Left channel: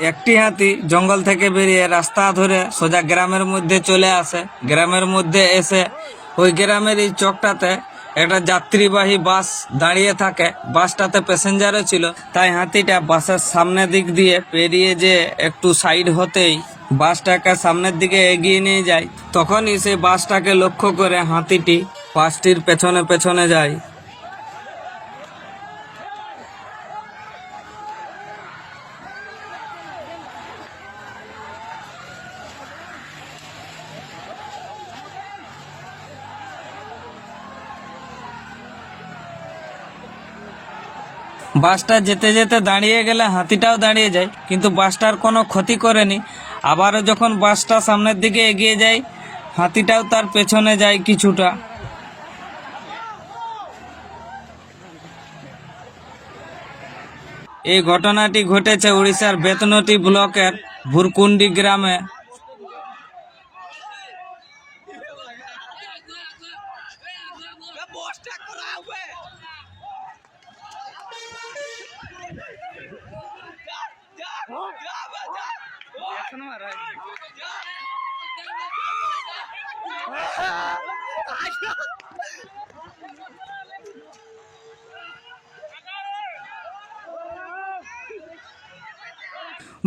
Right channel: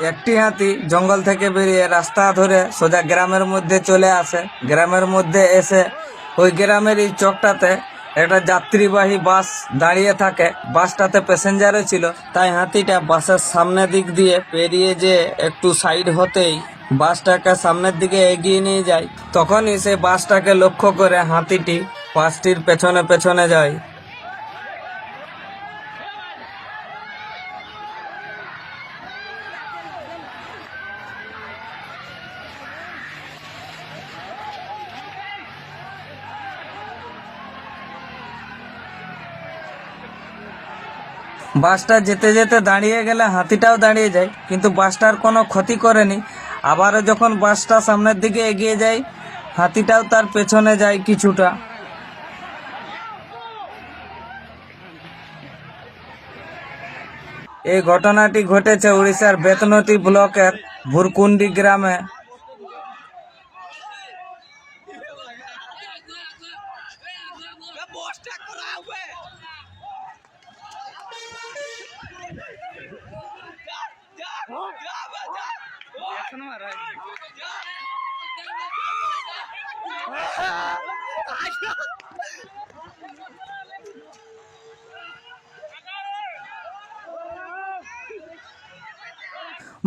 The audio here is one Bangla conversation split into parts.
একটি হাতি জঙ্গল থেকে বেরিয়ে রাস্তা ধরে সোজা গ্রামের মধ্যে চলে আসে। গ্রামের মধ্যে এসে ওই গ্রামের এই চকটাতে একটা যাত্রীবাহী বাস দাঁড়িয়ে থাকে। বাসটাতে প্যাসেঞ্জারও ছিল। তাই হাতিটা বাসের সামনের দিক দিয়ে পেরিয়ে যে একটু সাইড হতেই বাসটাকে সামনের দিকে এগিয়ে নিয়ে যায়। তখনই সে বাসটাকে লক্ষ্য করে হাতিটি বাসটির পেছনে পেছনে যায়। বাসটা যেতে যেতে দাঁড়িয়ে গেলে হাতিটাও দাঁড়িয়ে যায়, কিন্তু বাসটার কোনো ক্ষতি করেনি। আবারও যখন বাসটা সামনের দিকে এগিয়ে যায়, হাতিটাও তার পেছনে যায় কিছুটা। এই ঘটনাটি ঘটেছে উড়িষ্যার বেতনটি ব্লকের ভুরকুন্ডি গ্রামে।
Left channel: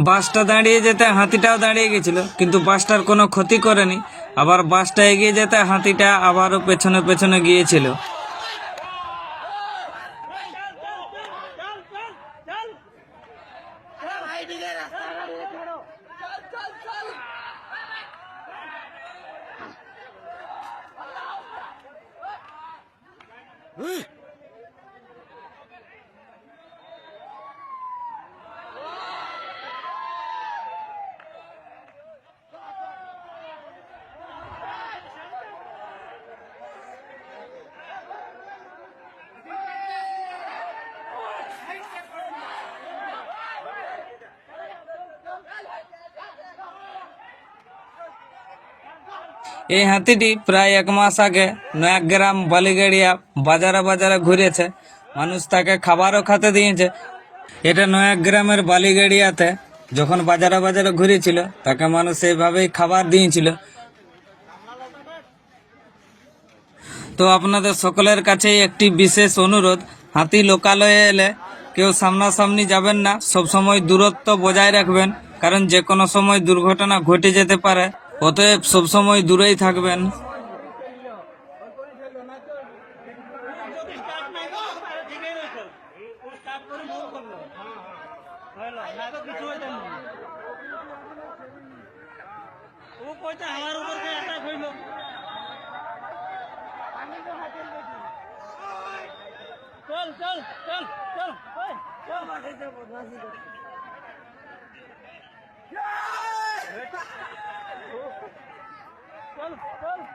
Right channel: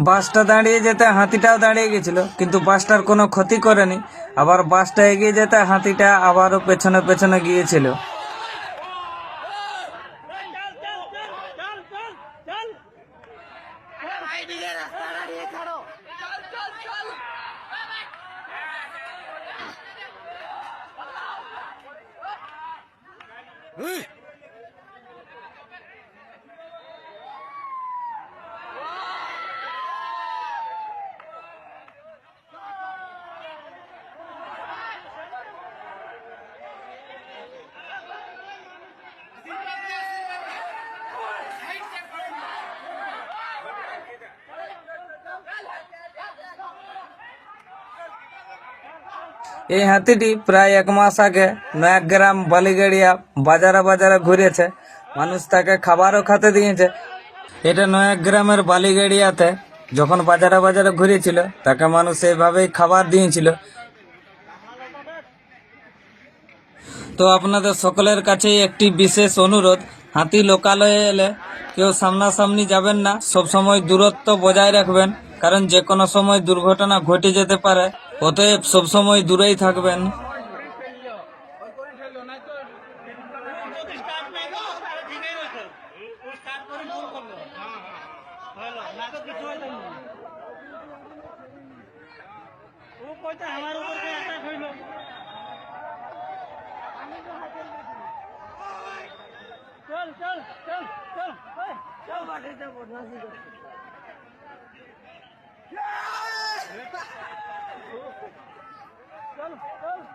বাসটা দাঁড়িয়ে যেতে হাতিটাও দাঁড়িয়ে গেছিল কিন্তু বাসটার কোনো ক্ষতি করেনি। আবার বাসটা এগিয়ে যেতে হাতিটা আবারও পেছনে পেছনে গিয়েছিল। うん。এই হাতিটি প্রায় এক মাস আগে নয়াগ্রাম বালিগাড়িয়া বাজারে বাজারে ঘুরেছে। মানুষ তাকে খাবারও খেতে দিয়েছে। এটা নয়াগ্রামের বালিগাড়িয়াতে যখন বাজারে বাজারে ঘুরেছিল, তাকে মানুষ এইভাবেই খাবার দিয়েছিল। তো আপনাদের সকলের কাছেই একটি বিশেষ অনুরোধ, হাতি লোকালয়ে এলে কেউ সামনাসামনি যাবেন না। সব সময় দূরত্ব বজায় রাখবেন, কারণ যে কোনো সময় দুর্ঘটনা ঘটে যেতে পারে। অতএব সবসময় দূরেই থাকবেন চল চল চল চল চল চল चल चल